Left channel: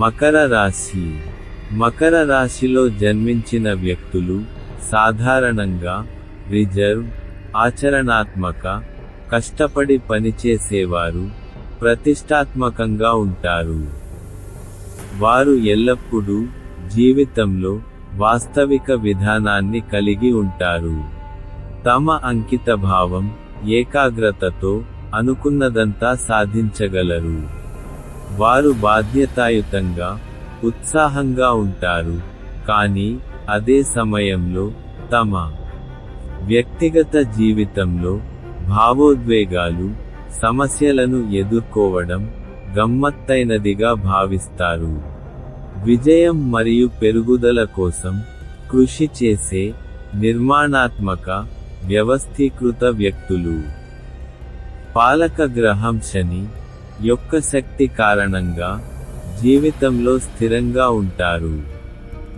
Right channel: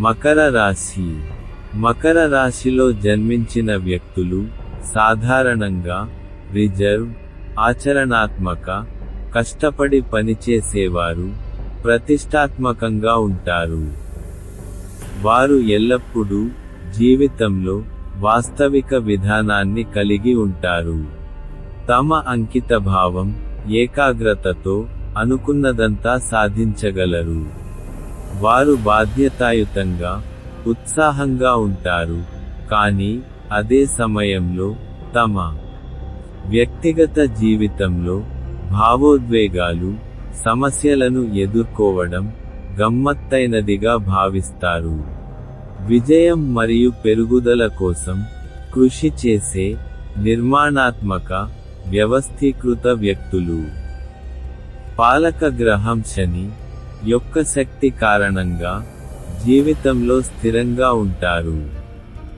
మకర రాశి. మకర రాశిలో జన్మించిన వ్యక్తులు సాధారణంగా రిజర్వ్, ఆచరణాత్మక, కష్టపడి పనిచేసేవారు, ప్రతిష్టాత్మకంగా ఉంటారు. వారు ఎల్లప్పుడూ జీవితంలో వాస్తవిక విధానాన్ని కలిగి ఉంటారు. తమ అంకితభావం, ఏకాగ్రతతో అనుకున్నదంతా సాధించగలరు. వారు బాధ్యతాయుతంగా, ఉత్సాహంగా ఉంటారు, కానీ అదే సమయంలో తమ వ్యక్తిగత జీవితంలో భావోద్వేగాలు, సమస్యలను ఎదుర్కోవడం గమ్మత్తైనదిగా భావిస్తారు. విజయం మరియు పెరుగుదల కోసం కృషి చేసే నిర్మాణాత్మక, వ్యవస్థీకృత వ్యక్తులు. పాలక గ్రహం శని యొక్క శక్తి కారణంగా జీవితంలో స్థిరంగా ఉంటారు.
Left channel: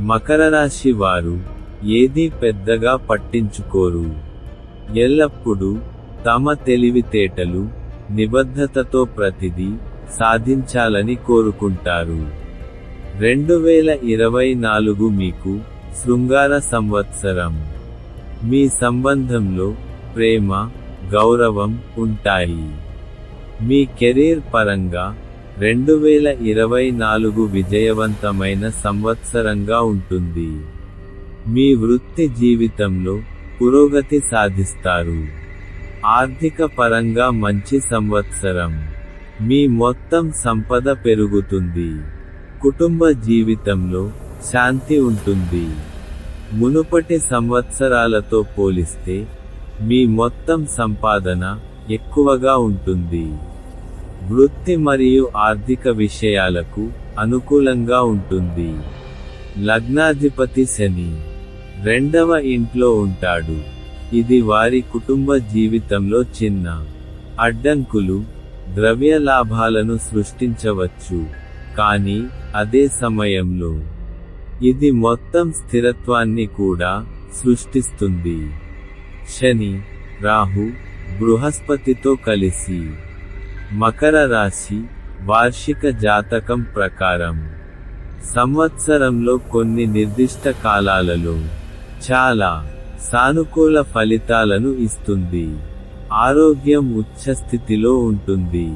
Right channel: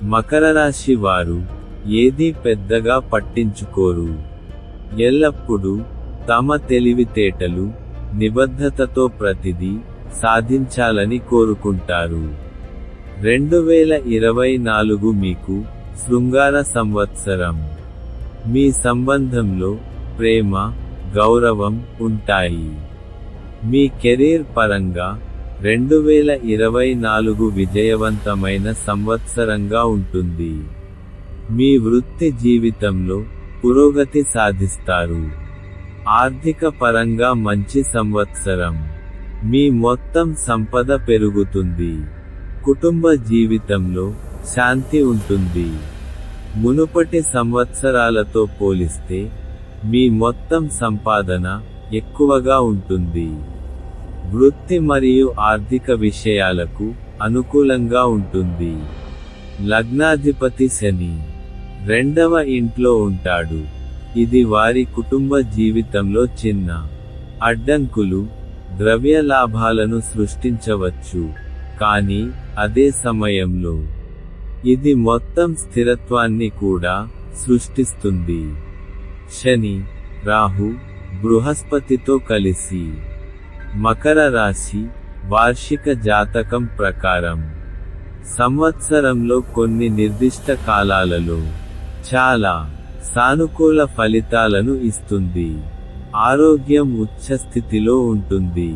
మకర రాశి వారు ఏదీ పెద్దగా పట్టించుకోరు. ఎల్లప్పుడూ తమ తెలివితేటలు, నిబద్ధతతో ప్రతిదీ సాధించాలని కోరుకుంటారు. 2024 మీకు శృంగార సంవత్సరం. మీ సంబంధంలో ప్రేమ, గౌరవం ఉంటాయి. మీ కెరీర్ పరంగా 2024 విజయవంతమైన సంవత్సరంగా ఉంటుంది. మీ వృత్తి జీవితంలో పురోగతి సాధిస్తారు. ఆర్థిక పరంగా మంచి సంవత్సరం. మీ మొత్తం సంపద పెరుగుతుంది. కుటుంబ జీవితంలో శాంతి ఉంటుంది. మునుపటి సంవత్సరాలతో పోలిస్తే మీ మొత్తం సంపాదన ఎక్కువగా ఉంటుంది. వృత్తి మరియు ఆర్థిక విషయాలకు అనుకూలంగా ఉంటుంది. లగ్నాధిపతి శని 2వ ఇంట్లో ఉంటాడు. ఇది వారి కుటుంబ జీవితంలో చిన్న అడ్డంకులు, ద్రవ్య లాభాలను సృష్టించవచ్చు, కానీ అదే సమయంలో ఇది మొత్తం స్థిరత్వాన్ని కూడా సృష్టిస్తుంది. శని, రాహు, బృహస్పతితో కలిసి. మకర రాశి వార్షిక జాతకం ప్రకారం సంవత్సరంలో కొన్ని నిర్దిష్ట కాలాలలో చాలా సానుకూల ఫలితాలను ఇస్తుంది. ఆరోగ్యం ఉచ్చస్థితిలో ఉంటుంది.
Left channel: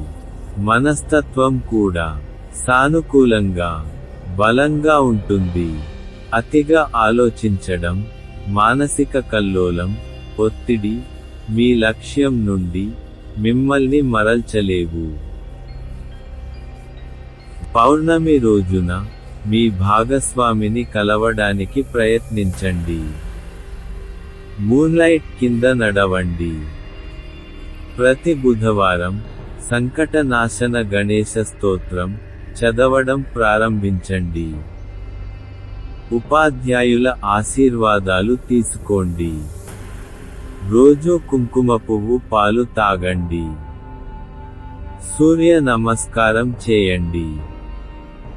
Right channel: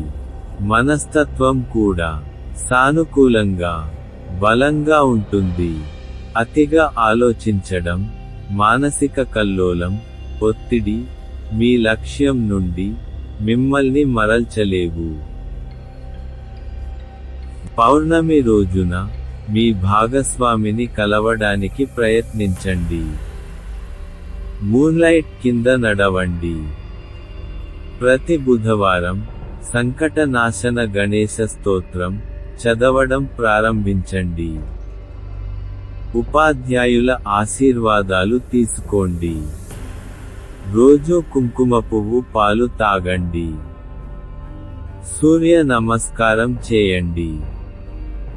మనస్తత్వం కూడా సానుకూలంగా, బలంగా ఉంటుంది. అతిగా ఆలోచించడం, మానసిక కల్లోలం, ఒత్తిడి మీ లక్ష్యం నుండి మిమ్మల్ని మరల్చలేవు. పౌర్ణమి రోజున మీ భాగస్వామిని కలవడానికి ప్రయత్నించండి. మూన్లైట్ కింద నడవండి. ప్రతి బుధవారం సంకటనాశన గణేశ స్తోత్రం చదవడం ప్రారంభించండి. ఉపాధ్యాయుల ఆశీర్వాదాలు తీసుకోండి. రోజు కుంకుమ పువ్వు పాలు తాగండి. సూర్య నమస్కారం చేయండి.